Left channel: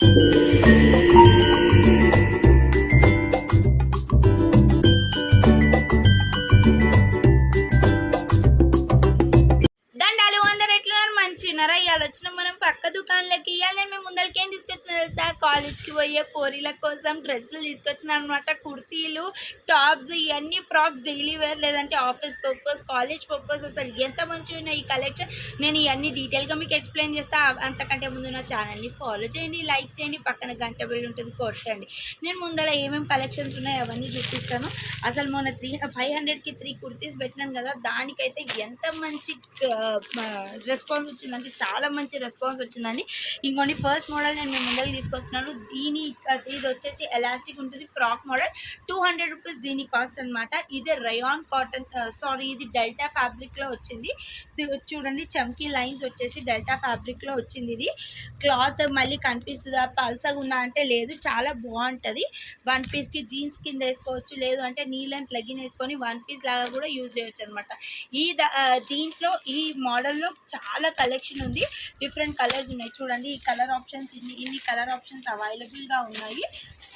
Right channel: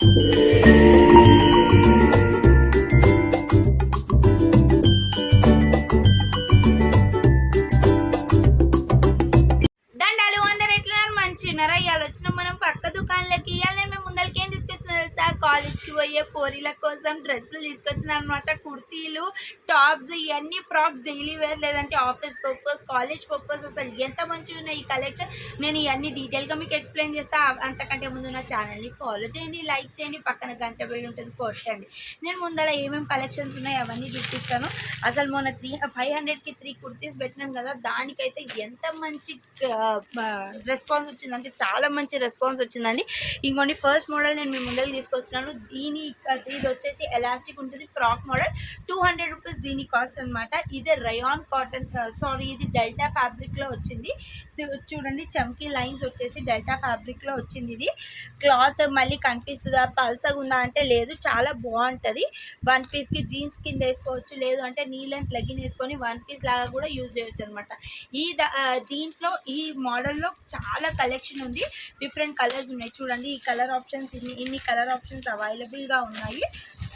దండాలు అందరు ఎట్లున్నారు మంచిన్నారా? ఇవాళ వచ్చిన మనం పక్క దుకాణంలోకి. ఇవాళ మేము ముందరికి ఏం తీసుకొచ్చిన తెలుసా? కాలేజ్కి పోయే పోరీల కోసం డ్రెస్సులు తీసుకొచ్చిన అనమాట. కుర్తీలు, టాప్స్, ఇవన్నీ ఫ్రాక్స్, డైలీ వేర్ లేదంటే ఆఫీస్ పర్పస్, కాలేజ్ పర్పస్. అసలు ఎంత మంచిగా ఉన్నాయి ఈ కలెక్షన్. నేను ఇవన్నీ డీటెయిల్గా మీకు ఎక్స్ప్లెయిన్ చేస్తా. అంతకంటే ముందు నా ఛానల్ని ఫాలో చేయండి, లైక్ చేయండి, పక్కన గంట బెల్ ఉంటుంది కొట్టండి. నేను ముందర ఏమేమి కలెక్షన్స్ ఉన్నాయో అవన్నీ చూపిస్తాను. అసలు మొన్న 500కి 3 కుర్తీస్ పెట్టినాను కదా, దానికైతే ఎంత మంచి రెస్పాన్స్ వచ్చిందంటే చాలా మంచి రెస్పాన్స్ వచ్చిందండి. ఇంకోండి ఫస్ట్ మోడల్ నేను మీ ముందరికి తీసుకొస్తున్నాను. ఇది వచ్చేసి ఎలాస్టిక్ ఉంటుంది, ఫ్రాక్ మోడల్. 200 రూపీస్ దీని కాస్ట్ అనమాట. ఇదే రయాన్ కాటన్, ఇది డెల్టా ఫ్యాబ్రిక్లో వచ్చింది. చూడండి చమ్కీ లైన్స్ వచ్చేసి డెల్టా ఫ్యాబ్రిక్లో వచ్చింది. ఇది క్లాత్ మళ్ళీ కనిపిస్తుందా, పల్సగా ఉందా అంటే లేదు, చాలా బాగుంటుంది. 1 పీస్కి జీన్స్ కింద వేసుకోవచ్చు, లేదు అంటే నీ లెంత్ లెగ్గిన్ వేసుకొని 1 పీస్ లాగా కూడా యూజ్ చేయొచ్చు అనమాట. దీంట్లో ఈ మోడల్లో చాలా కలెక్షన్ ఉంది. డిఫరెంట్ కలర్స్ ఉన్నాయి. చూడండి ఈ కలర్ ఆప్షన్స్, ఇన్ని కలర్ ఆప్షన్స్ అవైలబుల్గా ఉన్నాయి.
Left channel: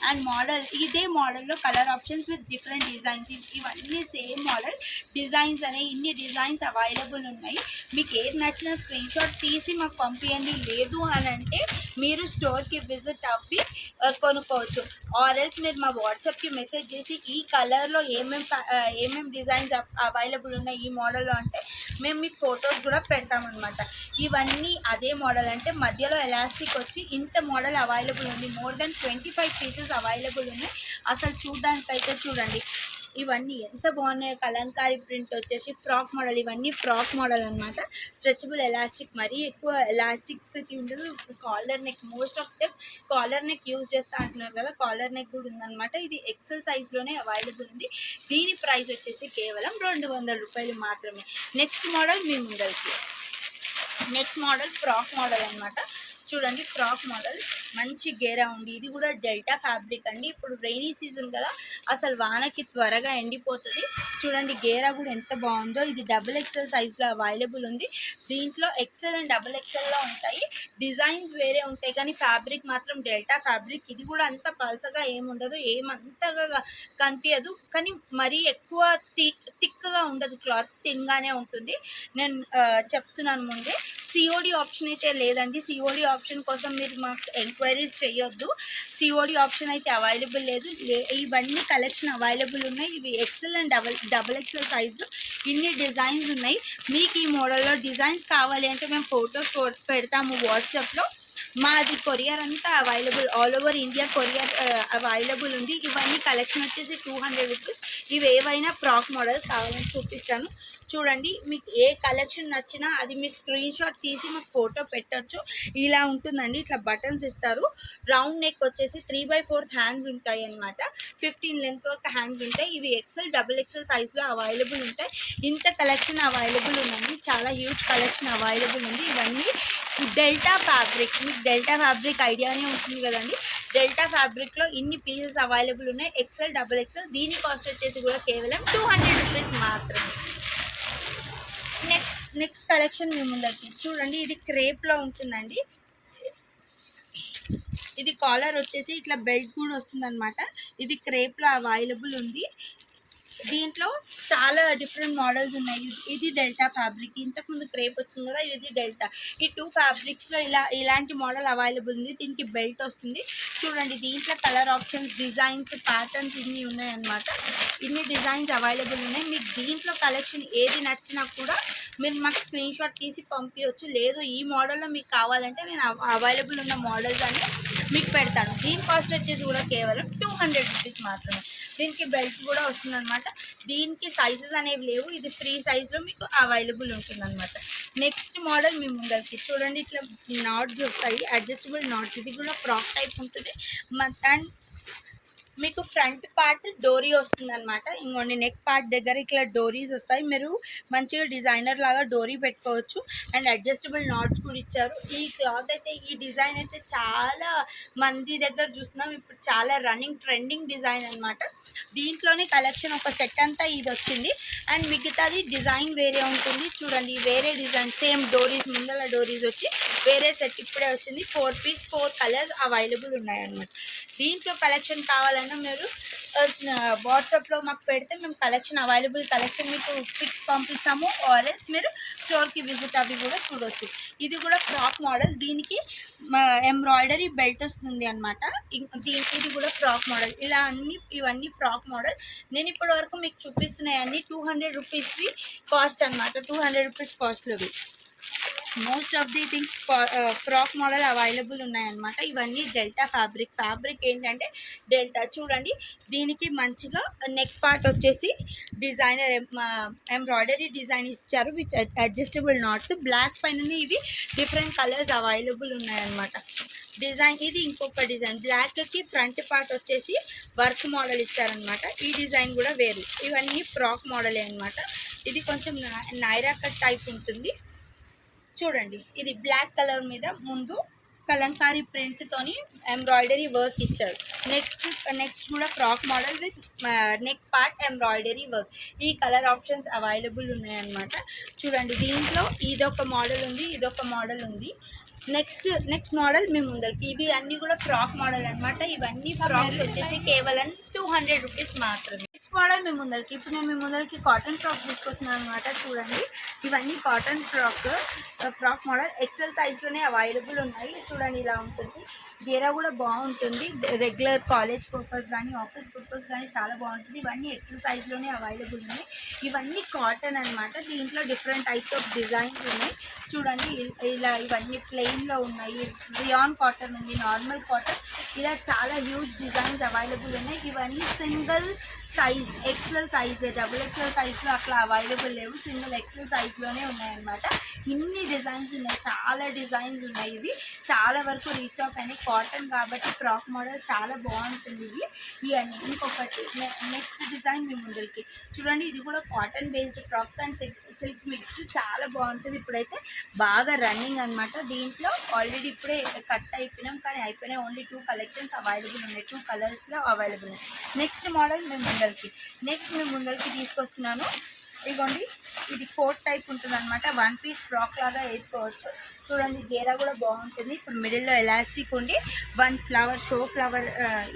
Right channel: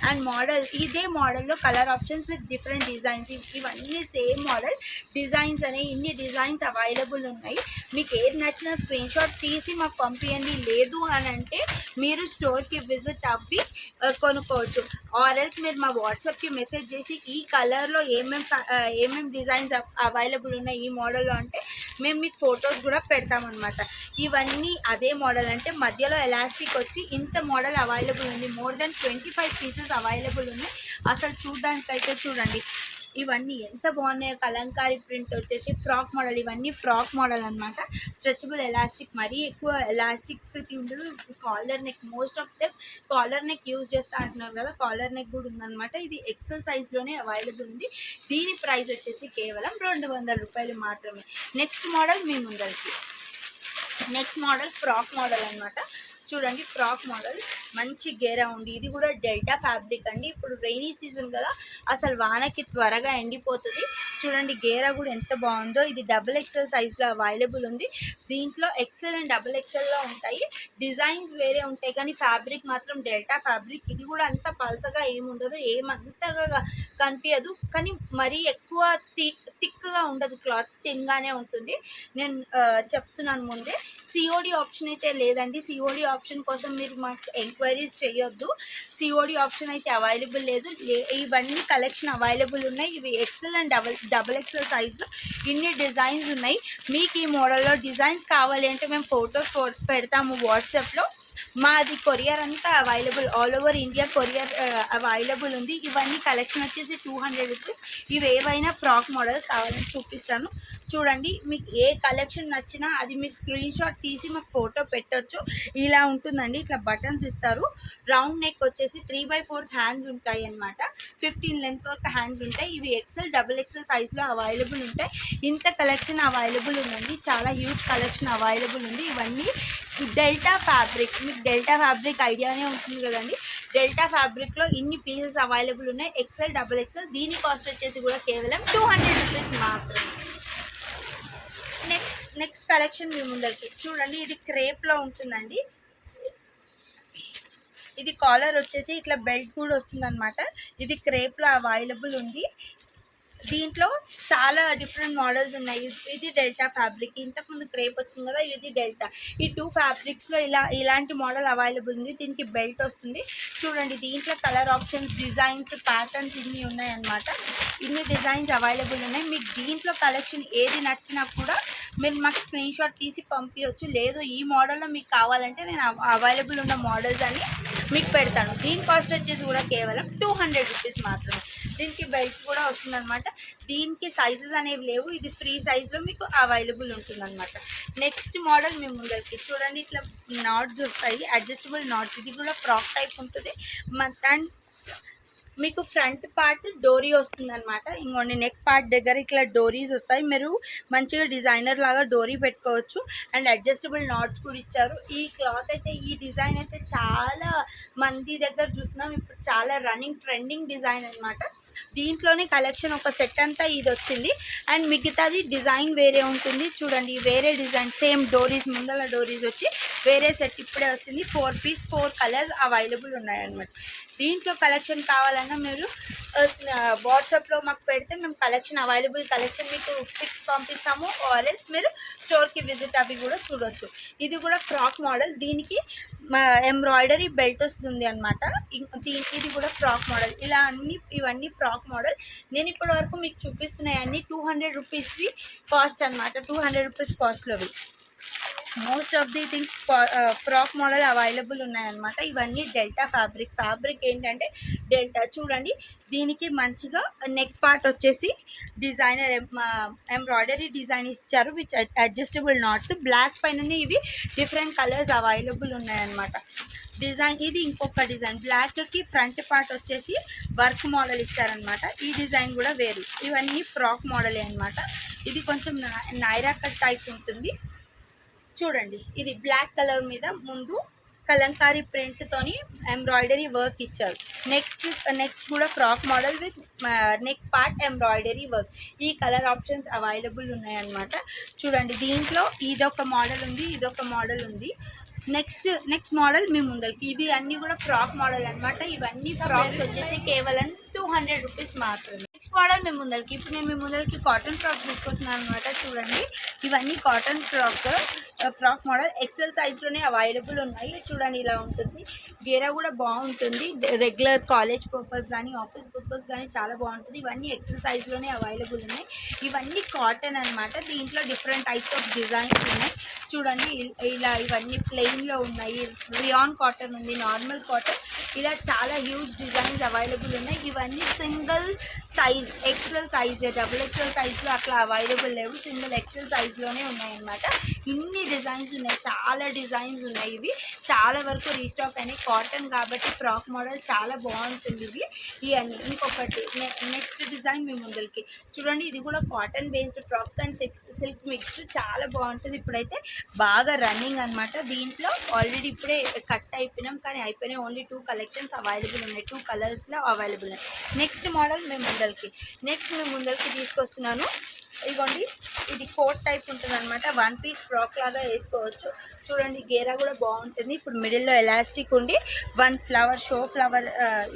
అండ్ ఇదే మోడల్లో colour options with different designs. ఇవన్నీ సేమ్ మోడల్ డిజైన్స్ అనే ఇన్ని డిజైన్స్ అవైలబుల్ ఉన్నాయి. మీకు ఏది నచ్చిన స్క్రీన్ షాట్ తీసి మాకు పంపించండి. లేదు అని అంటే మీరు స్టోర్కి విజిట్ అవ్వి కొనుక్కోవచ్చు. ఆర్ఎల్స్ మీరు మా వాట్సాప్కి మెసేజ్ చేసి ఈ కలర్లో ఏమేమి డిజైన్స్ అవైలబుల్ ఉన్నాయి ఈ మోడల్లో అంటే మేము మీకు ఫొటోస్ కూడా పెడతామన్నమాట. ఇవన్నీ అదే మోడల్, అంటే మధ్యలో ఎలాస్టిక్ వచ్చి ఇంత మోడల్ అవైలబుల్ ఉంది. మోర్ దెన్ 25 పీసెస్ అవైలబుల్ ఉన్నాయి. అసలు చూడడానికైతే చూడండి ఇవన్నీ ఎంత బాగున్నాయో. కలంకారీ ప్రింట్ వచ్చేసి ఫ్రాక్ మోడల్, ఇవన్నీ ఫ్రాక్ మోడల్ అనమాట. స్ట్రెచబుల్ ఎలాస్టిక్, మరీ ఎక్కువ ఎలాస్టిక్స్కి ఉండదు. Collar neck, most of them collar neck use చేస్తా అంటున్నారు కదా, కాలర్ నెక్ కూడా ఉందన్నమాట. ఇది ఎక్సెల్ సైజ్లోనే అవైలబుల్ ఉంది. దీని ప్రైస్ వచ్చేసి కేవలం 200 రూపాయలు మాత్రమే. నెక్స్ట్ మోడల్ మీ ముందరికి. నెక్స్ట్ మోడల్ ఫ్రాక్ మోడల్ అనమాట. చూడండి ఫ్రాక్ మోడల్ మంచి గేరా ఉంది. ఇది కూడా డెల్టా ఫ్యాబ్రిక్ అండి. ఇప్పుడు రైనీ సీజన్ కదా, అసలు వానకి త్వరగా ఎండిపోతుంది. చూడండి గేరా కూడా ఎంత బాగుందో. ఇది XXL సైజ్లో అవైలబుల్ ఉంది. దీంట్లో XL అండ్ XXLలో ఉంటాయి. డిజైన్స్ వేరే ఉంటాయి కానీ ఫ్యాబ్రిక్ మాత్రం డెల్టా ఫ్యాబ్రిక్. ఇది కూడా అంత పల్సగా ఏముండదు, ఏమంతగా కనిపించదు, కానీ మరీ ఎక్కువ థిక్గా ఉండదు. క్లాత్ థిన్గానే ఉంటుంది. నేను చెప్తున్నాను ముందే. సిఓడి ఆప్షన్ అయితే లేదండి. సిఓడి ఆప్షన్ కోసం మీరు మాకు ఎంక్వైరీస్ చేయొద్దు. సిఓడి ఆప్షన్ అయితే అవైలబుల్ లేదు. ఇవన్నీ కలెక్షన్ అవైలబుల్ ఉన్నాయి. ఇవి XL అండ్ XXL సైజులో ఇన్ని డిజైన్స్ ఉన్నాయి. మీకు ఈ మోడల్లో డిజైన్స్ కావాలి అంటే మేము ఫొటోస్ పెడతాము వాట్సాప్లో. మాది కొరియర్ అంతా available, all over India courier available ఉంది. ఇవన్నీ కలెక్షన్ వచ్చేసి 200 రూపీస్. ఇవి ఏవైనా ఫ్రాక్ మోడల్ కావాలని చూపిస్తాను. చూడండి మీకు ఏ కలెక్షన్ నచ్చినా అది మీరు స్క్రీన్ షాట్ తీసి మీకు ఫోటో పెట్టవచ్చు. ఇలా ఉంటుందండి, ఇట్లా బటన్స్ ఇస్తారు. రౌండ్ నెక్ వచ్చేసి 3/4 హ్యాండ్స్ ఉంటాయి అన్నమాట. 15 లెంత్ వరకు హ్యాండ్స్ ఉంటాయి. ఇవి XL XXL సైజ్లో అవైలబుల్ ఉంటాయి. ఇంత కలెక్షన్ అవైలబుల్ ఉందండి, చాలా హ్యూజ్ కలెక్షన్ అవైలబుల్ ఉంది. ఇవన్నీ డెల్టా ఫ్యాబ్రిక్, మీకు డెల్టా ఫ్యాబ్రిక్ ఐడియానే ఉంటుంది కదండి. డెల్టా ఫ్యాబ్రిక్లో ఇన్ని పీసెస్ అవైలబుల్ ఉన్నాయి. XL XXL. దీని కాస్ట్ వచ్చేసి కూడా కేవలం 200 రూపీస్ మాత్రమే. నెక్స్ట్ కలెక్షన్ మీ ముందరికి. చూడండి ఇది క్రేప్లో ఉంటుందండి. ఇది కాలర్ వచ్చేసి ఇట్లా బెల్ట్ కూడా వస్తుంది అనమాట. ఇది క్రేప్లో అవైలబుల్ ఉంది. దీంట్లో చాలా డిఫరెంట్ మోడల్స్ ఉన్నాయి. ఇది డెల్టా ఫ్యాబ్రిక్, ఇంతకుముందు క్రేప్ వచ్చింది కదా, ఇది డెల్టా. ఈ 2 ఫ్యాబ్రిక్స్లో ఇలాంటి మోడల్ అవైలబుల్ ఉంది. దీనికి బెల్ట్ వస్తుంది. చూడండి దీంట్లో కలర్ ఆప్షన్స్, డిజైన్స్, ప్యాటర్న్స్ ఇన్ని ఉన్నాయన్నమాట. ఇన్ని డిజైన్స్ అవైలబుల్ ఉన్నాయి. మీకు దీంట్లో కలెక్షన్ ఏది నచ్చినా కూడా మీరు మాకు స్క్రీన్ షాట్ తీసి పంపించవచ్చు. లేదు ఈ మోడల్లో మీకు కావాలంటే నేను అవైలబుల్ ఉన్న మోడల్స్ అని మీకు పెడతాను. దీని కాస్ట్ వచ్చేసి కూడా కేవలం 200 రూపీస్ మాత్రమే. దీనికి బెల్ట్ కూడా వస్తుందన్నమాట. దీనికి సైజెస్ అనేవి లేవు, ఇది ఫ్రీ సైజ్లో మీకు అవైలబుల్ ఉంటుందన్నమాట. నెక్స్ట్ మోడల్ మీ ముందరికి. చూడండి ఇట్లా నాట్స్ వస్తాయి, అడ్జస్టబుల్ నాట్స్. ఇది కూడా ఫ్రాక్ టైప్ ఉంటుంది. అండ్ మీకు ఫ్రంట్ పార్ట్ డోరీ వస్తుంది అనమాట. ఇంకోండి నెక్ పార్ట్ దగ్గర ఇట్లా డోరీస్ వస్తాయి. మీరు మంచిగా డిజైనర్ లాగా డోరీ పెట్టుకోవచ్చు. అండ్ అడ్జస్టబుల్ నాట్స్ కూడా ఇచ్చారు. ఈ క్లాత్ అయితే, ఈ డిజైన్ అయితే చాలా మంది దగ్గర చూస్తున్నాం. ఇప్పుడు చాలా రన్నింగ్ ట్రెండింగ్ డిజైన్ అనమాట. దీంట్లోనే కలెక్షన్ ఒక సెట్ అంతా ఇది వచ్చింది. అండ్ మిగతాది డిజైన్ వేరే ఉంటుంది. చూడండి వేరే డిజైన్ సేమ్ డోరీస్, ముందర డోరీస్ వచ్చి వేరే సెట్ ఇప్పుడే వచ్చింది. 4 పీస్ 4 కలర్స్ అవైలబుల్ ఉన్నాయన్నమాట. దీంట్లో కలెక్షన్ కావాలన్నా మీరు వాట్సాప్లో మాకు పెడితే మేము అవైలబుల్ కలెక్షన్ మీకు పిక్స్ పంపిస్తాము. ఆర్ఎల్స్ మీరు స్టోర్కి విజిట్ అవి కూడా చూడవచ్చు. ఇది కూడా ఫ్రాక్ మోడల్. దీనికి ఎంబ్రాయిడరీ బెల్ట్ వస్తుంది అనమాట. ఇది కూడా ఫ్రాక్ మోడల్. ఇలా ఇవన్నీ ఫ్రాక్ మోడల్. నేను ఇప్పటి వరకు మీకు చూపిస్తున్నాయి అన్నీ 200 రూపీస్వి కాస్ట్ అనమాట. 200 రూపీస్ కాస్ట్లోవి most of the things frock model available ఉన్నాయన్నమాట. ఇవన్నీ డెల్టా ఫ్యాబ్రిక్ ఏంటంటే డెల్టా. చూడండి దీనికి మంచిగా నెక్ పార్ట్ వచ్చేసి డిజైనర్ ఎంబ్రాయిడరీ డిజైన్ ఇచ్చారు విచ్ అడ్జస్టబుల్ నాట్స్. బ్లాక్ పైన ఇవి డిఫరెంట్ కలర్స్ అవైలబుల్ ఉన్నాయన్నమాట. డిజైన్ ఇది ఇంకొక డిజైన్. బ్లాక్కి ఫ్రంట్ పార్ట్ వచ్చేసి వర్క్ మోడల్ ఇచ్చారనమాట. ఈ డిజైన్ కూడా వేరు. ఇవన్నీ ఫ్రాక్ మోడలే అనమాట. ఇది కొంచెం నైరా కట్ టైప్ ఉంటుంది. చూడండి ఇది బ్లాక్ కలర్ మీద ముందు కలంకారీ ప్రింట్తోని ఎంబ్రాయిడరీ వర్క్ ఇచ్చారు. నెక్స్ట్ కూడా frock model with neck part embroidery work. ఈ కలర్ ఆప్షన్స్ అవైలబుల్ ఉన్నాయన్నమాట. చూడండి దీంట్లో ఇదొక మోడల్ ఉంది, ఇదొక మోడల్ ఉంది. నెక్స్ట్ మోడల్ మీ ముందరికి. ఇవి అన్నీ కూడా ఫ్రాక్ మోడల్ అనమాట. ఇవన్నీ ఫ్రాక్స్ వచ్చేసి కేవలం 200 రూపీస్ మాత్రమే. నెక్స్ట్ మోడల్ మీ ముందరికి. ఇప్పుడు నేను మీ ముందరికి కాటన్ ఫ్రాక్ తీసుకొస్తున్నాను అనమాట. చూడండి ఇవన్నీ కాటన్ ఫ్రాక్ మోడల్. ఎక్సెల్ సైజ్లోనే అవైలబుల్ ఉన్నాయి. చూడండి ఇలా ఉంటుంది. గేరా కూడా బాగుంటుంది. రెగ్యులర్ కాలేజ్ పర్పస్ కానీ ఆఫీస్ పర్పస్ కానీ చాలా బాగుంటుంది. ఇవన్నీ ఎక్సెల్ సైజ్లోనే అవైలబుల్ ఉన్నాయి. ఇవన్నీ కాటన్ అనమాట. దీంట్లో డిఫరెంట్ టైప్స్ ఆఫ్ డిజైన్స్ ఉన్నాయి. చూడండి ఇలా ఇవన్నీ ప్లెయిన్లో ఉన్నాయి. రియాన్ కాటన్ ఉంది, నార్మల్ కాటన్, ఇలా చాలా హ్యూజ్ డిజైన్స్ అవైలబుల్ ఉన్నాయి. ఇవన్నీ సింగిల్ సైజ్ ఎక్సెల్ సైజే, డబుల్ ఎక్సెల్ సైజ్లో అట్లా అవైలబుల్ లేవు. సింగిల్ ఎక్సెల్ సైజ్లోనే ఉన్నాయన్నమాట. ఇన్ని డిజైన్స్ ఉన్నాయి, చాలా డిజైన్స్ ఉన్నాయి. ఇవి చాలా వరకు రీస్టాక్ అయినాయి. కాటన్ కాబట్టి ఫ్రాక్ మోడల్ చాలా బాగుంటుంది. ఇవన్నీ ఇంకొకటి నెక్స్ట్ డిజైన్ మీ ముందరికి. చూడండి ఇది కూడా cotton based frock and silk mixed చాలా బాగుంటుంది. ఇప్పుడైతే బాగా రన్నింగ్ అనమాట. దీంట్లో ఆల్రెడీ ఇప్పుడే కట్ అయిపోయినాం, కానీ అయిపోయినాయి. ఓన్లీ 2 కలెక్షన్స్ అవైలబుల్ ఉన్నాయి. 2 కలర్స్లో అవైలబుల్ ఉన్నాయి. నెక్స్ట్ మోడల్ మేము ముందరికి తీసుకొస్తున్నాను. ఇదిగోండి ఇది కోట్ టైప్ ఉంటుంది అనమాట. 1 పీస్ ఫ్రాక్ లాగా వేసుకోవచ్చు. చూడండి గేరా కూడా బాగుంటుంది. ఇప్పుడు మిడిల్లో ఎలాస్టిక్ ఉండి 1 ఫ్లవర్ షో ఫ్లవర్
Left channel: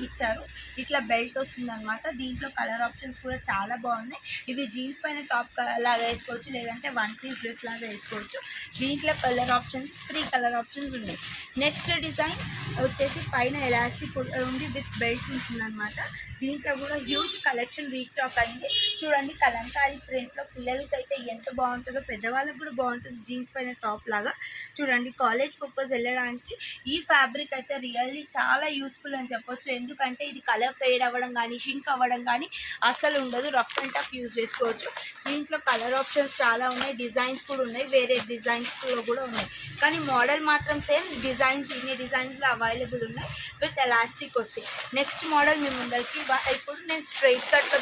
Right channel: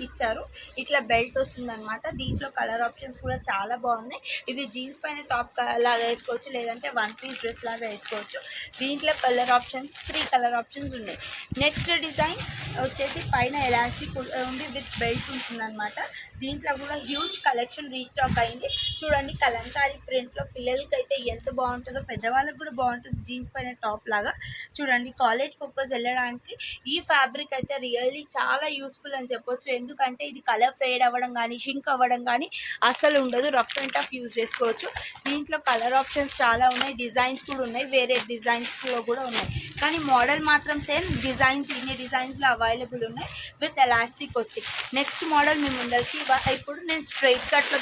ఇచ్చారు. ఇట్లా బెల్ట్ వస్తుంది అనమాట. దీంట్లో కలర్ ఆప్షన్స్ కూడా చాలా బాగున్నాయి. ఇది జీన్స్ పైన టాప్ లాగా వేసుకోవచ్చు, లేదంటే 1 పీస్ డ్రెస్ లాగా వేసుకోవచ్చు. దీంట్లో కలర్ ఆప్షన్స్ 3 కలర్ ఆప్షన్స్ ఉన్నాయి. నెక్స్ట్ డిజైన్ వచ్చేసి పైన ఎలాస్టిక్ ఉండి విత్ బెల్ట్ ఉంటుందన్నమాట. దీంట్లో కూడా హ్యూజ్ కలెక్షన్ రీస్టాక్ అయింది. చూడండి కలంకారీ ప్రింట్లో పిల్లలకి అయితే ఎంత బాగుంటుందో, పెద్దవాళ్ళకి కూడా బాగుంటుంది. జీన్స్ పైన టాప్ లాగా చూడండి. కాలేజ్ పర్పస్ వెళ్ళడానికి ఈ ఫ్యాబ్రిక్ అయితే రియల్లీ చాలా యూస్ఫుల్ అని చెప్పొచ్చు. ఎందుకంటే ఇది కలర్ ఫేడ్ అవ్వడం కానీ షింక్ అవ్వడం కానీ అస్సలు ఉండదు. రఫ్ అండ్ టఫ్ యూజ్ చేసుకోవచ్చు. దీంట్లో కలర్ ఆప్షన్స్ చాలా ఉన్నాయి. డిజైన్స్ కూడా ఉన్నాయి, వేరే డిజైన్స్ కూడా ఉన్నాయి. కానీ మోడల్ మాత్రం సేమ్. డిజైన్స్ ఇన్ని డిజైన్స్లో అవైలబుల్ ఉన్నాయి విత్ ఎలాస్టిక్ వచ్చి. నెక్స్ట్ మోడల్ మీ ముందరికి. ఇప్పుడు నేను స్ట్రైట్ కట్లో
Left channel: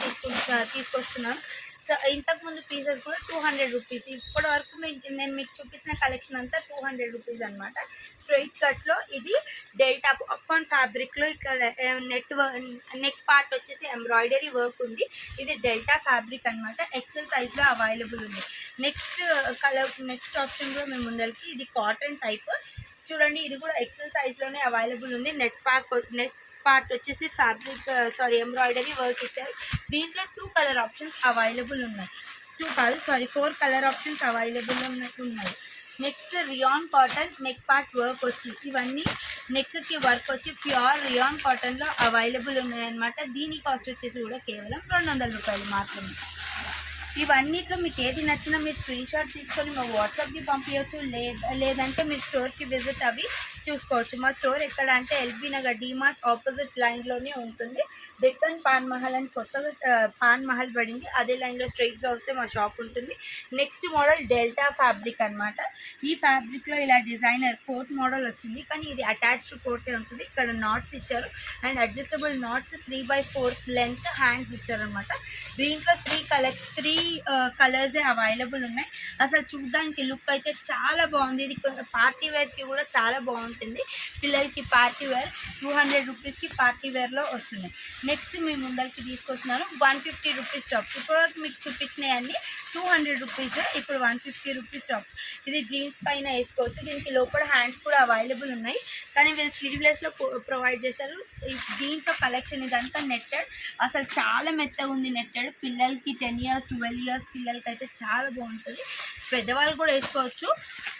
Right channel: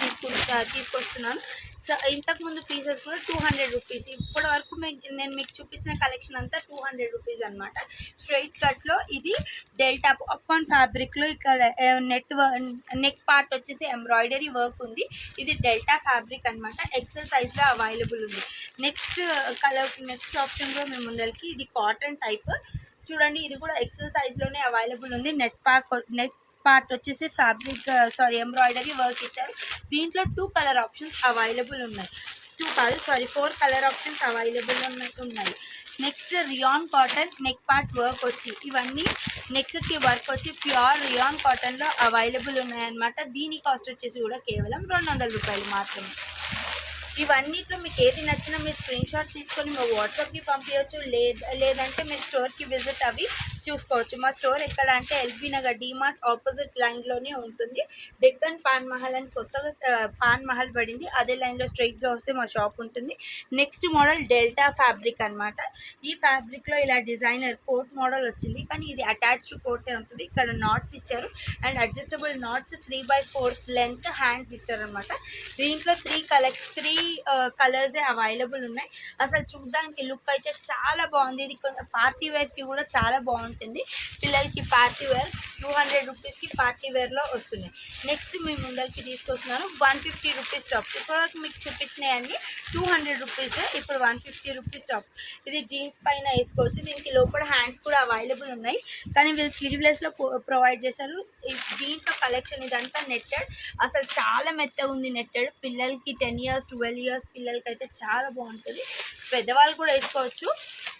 తీసుకొస్తున్నాను. సో ఇంతకుముందు పీసెస్ కూడా 200 రూపీస్. ఇప్పటి వరకు నేను మీకు చూపించిన కలెక్షన్ అంతా 200 రూపీస్ అనమాట. స్ట్రైట్ కట్లో ఇది డెల్టా పాప్కార్న్ ఫ్యాబ్రిక్లో ఇక్కడ నెక్ పార్ట్ వచ్చేసి ఎంబ్రాయిడరీ వర్క్ ఉంది. ఇది డెల్టా ఫ్యాబ్రిక్ అనమాట. ఎక్సెల్ సైజ్లో అవైలబుల్ ఉంది. నెక్స్ట్ ఆప్షన్లో మేము ముందరికి. ఇది కాటన్ టైప్. చూడండి ఇది కూడా ఎక్సెల్ సైజ్లోనే అవైలబుల్ ఉంది. నెక్ పార్ట్ వచ్చేసి ఎంబ్రాయిడరీ వర్క్ ఇచ్చారు. దీంట్లో 2 కలర్ ఆప్షన్స్ అవైలబుల్ ఉన్నాయి. 4 కలర్ ఆప్షన్స్ అవైలబుల్ ఉన్నాయి. Next rayon cotton neck part work వచ్చి, ఇవన్నీ నెక్కి వర్క్ వచ్చి ప్యూర్ రియాన్ కాటన్లో అవైలబుల్ ఉన్నాయన్నమాట. దీని కాస్ట్ వచ్చేసి కూడా కేవలం 200 రూపాయలు మాత్రమే. ఇవన్నిట్లో మీకు ఏది నచ్చినా మీరు స్క్రీన్ షాట్ తీసుకొని మా వాట్సాప్కి పంపించవచ్చు. లేదంటే మీరు స్టోర్కి విజిట్ అవి చూసుకోవచ్చు. మా స్టోర్ ఎక్కడ అంటే ఎల్బీ నగర్ డీమార్ట్ ఆపోజిట్ లైన్లోనే ఉంటుంది. డెక్కన్ పాన్ మహల్ అని కొత్తగా పాన్ మహల్ పడింది, అదే లైన్లో స్ట్రైట్గా వస్తే మా షాప్ ఉంటుంది. నెక్స్ట్ మోడల్ డెల్టా ఫ్యాబ్రిక్ అనమాట. ఈ ఫ్యాబ్రిక్లో ఇలా డిజైనర్ కోట్ మోడల్ వచ్చింది, కానీ ఇది అటాచ్డ్ కోటే ఉంటుంది. ఇక్కడ నాట్స్ ఇచ్చారు and adjustable knots 3/4 length hands ఇచ్చారనమాట. దీంట్లో త్రీ కలర్సే అవైలబుల్ ఉన్నాయి. అసలు చూడడానికి లుక్ అయితే చాలా బాగుంది. ఇది పార్టీ వేర్కి కూడా చాలా బాగుంటుంది. పిల్లలకి పార్టీ వేర్ 200 రూపీస్కి పార్టీ వేర్లో వస్తున్నాయి. నెక్స్ట్ మీ ముందరికి తీసుకొస్తున్నాను 150 రూపీస్ టాప్స్. ఇప్పటివరకు మీకు చూపించినవన్నీ 200 రూపీస్, ఇప్పుడు 150 రూపీస్ టాప్. ఇది జీన్స్ పైన వేసుకోవచ్చు. దీనికి లోపల హ్యాండ్స్ కూడా అవైలబుల్ ఉన్నాయి, కానీ వీళ్ళు స్లీవ్లెస్లో ప్రొవైడ్ చేశారు. దీంట్లో కలెక్షన్ ఇదంతా నెట్టెడ్, అసలు చాలా మెత్తగా ఉంది నెట్టెడ్. పిల్లలకి 10 ఇయర్స్ 12 ఇయర్స్ పిల్లలకి అయితే చాలా బాగుంటుంది. పెద్దవాళ్ళు కూడా వేసుకోవచ్చు,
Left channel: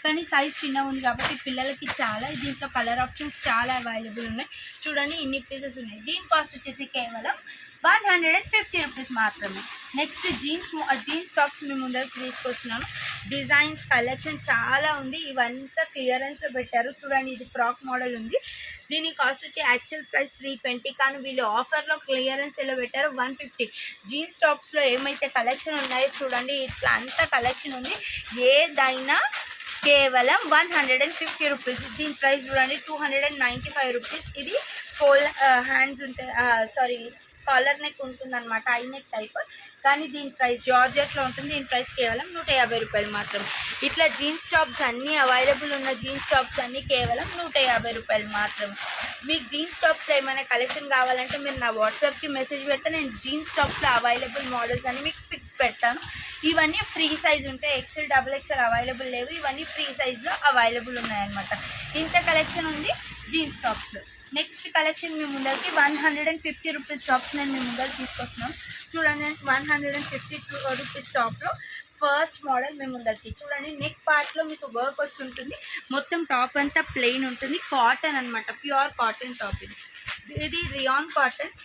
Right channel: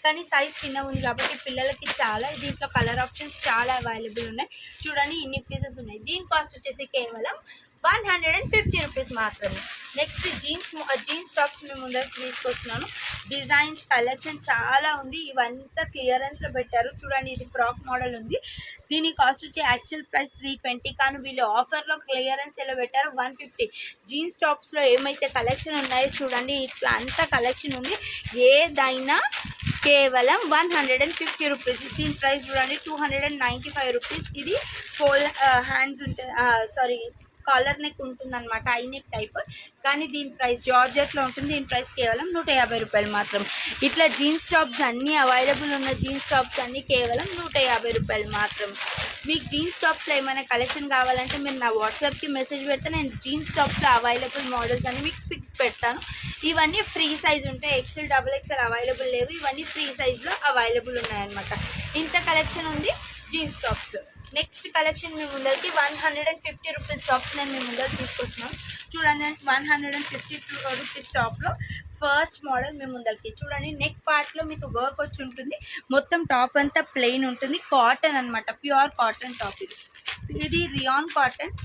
కానీ సైజ్ చిన్నగా ఉంది కాబట్టి పిల్లలకి చాలా. దీంట్లో కలర్ ఆప్షన్స్ చాలా అవైలబుల్ ఉన్నాయి. చూడండి ఇన్ని పీసెస్ ఉన్నాయి. దీని కాస్ట్ వచ్చేసి కేవలం 150 రూపీస్ మాత్రమే. నెక్స్ట్ జీన్స్ టాప్స్ మేము ముందరికి తీసుకొచ్చినాను. డిజైన్స్ కలెక్షన్ చాలా ఉంది. ఇవంతా క్లియరెన్స్లో పెట్టారు. చూడండి ఇది ఫ్రాక్ మోడల్ ఉంది. దీని కాస్ట్ వచ్చి యాక్చువల్ ప్రైస్ 320, కానీ వీళ్ళు ఆఫర్లో క్లియరెన్స్ ఎలా పెట్టారు 150. జీన్స్ టాప్స్లో ఏమైతే కలెక్షన్ ఉన్నాయో చూడండి, ఇట్లా అంత కలెక్షన్ ఉంది. ఏదైనా కేవలం 150 రూపీస్. దీని ప్రైస్ చూడండి 295 రూపీస్. ఇది ఫోల్ హ్యాండ్స్ ఉంటాయి, కాలర్ నెక్ ఉంటుంది అనమాట, ఐ నెక్ టైప్. కానీ దీని ప్రైస్ జార్జెట్లో ఉంటుంది. దీని ప్రైస్ కేవలం 150 రూపాయలు మాత్రం. ఇట్లా జీన్స్ టాప్స్ అన్నీ అవైలబుల్ ఉన్న జీన్స్ టాప్స్ అన్నీ కేవలం 150 రూపాయలు మాత్రం. మీకు జీన్స్ టాప్స్లో ఏమైనా కలెక్షన్ కావాలంటే మీరు నా వాట్సాప్కి మెసేజ్ పెడితే నేను జీన్స్ టాప్స్లో అవైలబుల్ మోడల్స్ అని మీకు పిక్స్ పెడతాను. ఇవన్నీ ఫ్రీ సైజ్ ఉంటాయి. ఎక్సెల్ XXL అవైలబుల్ లేవు, ఇవన్నీ ఫ్రీ సైజ్లో అవైలబుల్ ఉన్నాయన్నమాట. ఇంత కలెక్షన్ ఉంది జీన్స్ టాప్స్లో. నెక్స్ట్ కలెక్షన్ మేము ముందరికి 150 రూపీస్ టాప్స్ నేను మేము ముందరికి తీసుకొస్తున్నాం. చూడండి 150 రూపీస్ టాప్లో ఫస్ట్ మోడల్ మేము ముందరికి. చూడండి నెక్ పార్ట్లో మీకు వర్క్ వచ్చి ఉంటుంది. మొత్తం టాప్ అంతా ప్లెయిన్ ఉంటుంది. కాటన్ అనమాట, ప్యూర్ కాటన్ టాప్. ఇది రియాన్ కాటన్.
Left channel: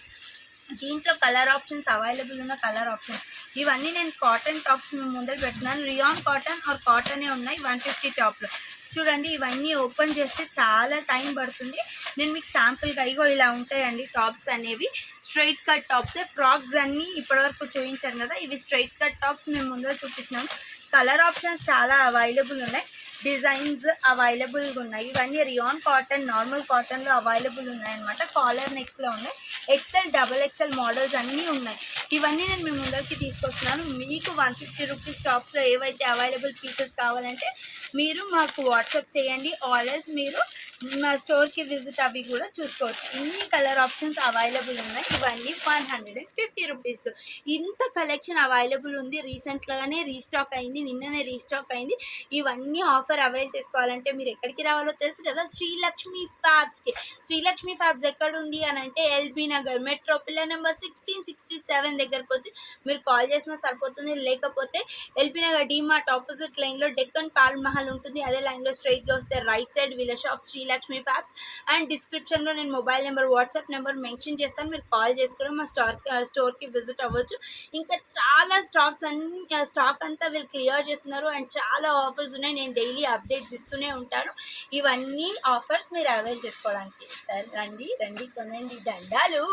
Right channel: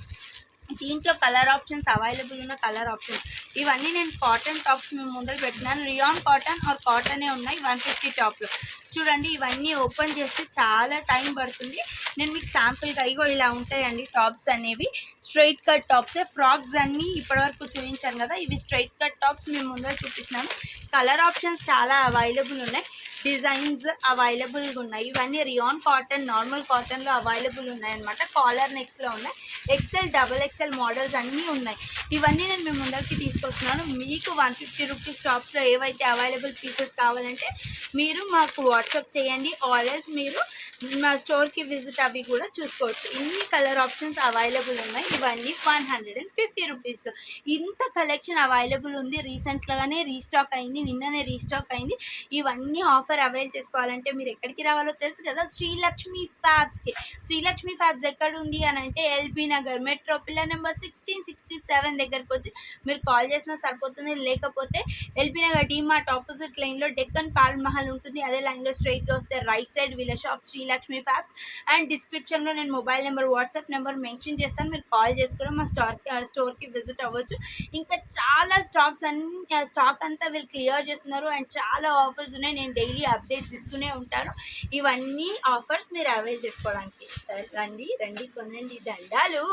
దీంట్లో కలర్ ఆప్షన్స్ అవైలబుల్ ఉన్న కలర్ ఆప్షన్స్ ఇవన్నీ నేను కాటన్ టాప్స్ మేము ముందర పెట్టినాను. రియాన్ కాటన్ ఆర్ కాటనే ఉన్నాయి 150 టాప్లో. చూడండి ఇవన్నీ ఓపెన్ చేస్తే చాలా టైం పడుతుంది. నేను మీకు శాంపుల్గా ఇగో ఇలా ఉంటాయండి టాప్స్ అనేవి. Straight cut టాప్సే. ఫ్రాక్స్ అన్నీ ఇప్పటివరకు చూపించాను కదా, ఇవి స్ట్రైట్ కట్ టాప్స్ మేము ముందర చూపిస్తున్నాను. కలర్ ఆప్షన్స్ చాలా అవైలబుల్ ఉన్నాయి. డిజైన్స్ అవైలబుల్గా ఉన్నాయి. ఇవన్నీ రియాన్ కాటన్, నార్మల్ కాటన్లో అవైలబుల్ ఉన్నాయన్నమాట. కాలర్ నెక్స్లో ఉన్నాయి. ఎక్సెల్ XXL మోడల్స్ అన్నీ ఉన్నాయి. ఇవన్నీ నేను మీ ముందరికి తీసుకొస్తున్నాను. మీకు 150 రూపీస్ టాప్స్లో ఏవైతే అవైలబుల్ పీసెస్ కావాలంటే మీరు మాకు వాట్సాప్ చేయండి, ఆర్ఎల్స్ మీరు మా స్టోర్కి విజిట్ అవి కూడా చూసుకోవచ్చు. ఇన్ని కలర్ ఆప్షన్స్ అవైలబుల్ ఉన్నాయి. ఇవన్నీ 150 రూపీస్లో ఇంత కలెక్షన్ అవైలబుల్ ఉంది. రీసెంట్గానే రీస్టాక్ అయింది, నిన్ననే రీస్టాక్ అయింది. ఇవన్నీ ఆఫర్ అవైల్ చేసుకోవాలంటే మీరు ఎక్కడికి రావాలో తెలుసు కదా, శ్రీలక్ష్మి ఫ్యాబ్స్కి. శ్రీలక్ష్మి ఫ్యాబ్స్ ఎక్కడ ఉంది అని అంటే LB Nagar metro pillar number 1667 దగ్గరకు వచ్చి మీరు కాల్ చేసినా సరిపోతుంది. లేకపోతే ఎల్బీ నగర్ డీమార్ట్ ఆపోజిట్ లైన్లో డెక్కన్ పాల్ మహల్ ఉంటుంది, అదే లైన్లో స్ట్రైట్గా వస్తే రైట్ సైడ్ వీళ్ళ షాప్ శ్రీలక్ష్మి ఫ్యాబ్స్. అండ్ డిస్క్రిప్షన్లో నేను mobile number, WhatsApp number mention చేస్తాను. మీరు కాల్ చేసి కూడా మా స్టోర్కి విజిట్ అవ్వచ్చు. ఇంకా చాలా స్టాక్ అంతా వీళ్ళు క్లియర్ చేస్తున్నారు అండ్ చాలా ఆఫర్స్ ఉన్నాయి. నేను డైలీ అప్డేట్స్ ఇస్తూనే ఉంటాను. ఇవన్నీ ఆఫర్స్ మీరు అవైల్ చేసుకోవడానికి. సరే రండి కొనండి దండాలు.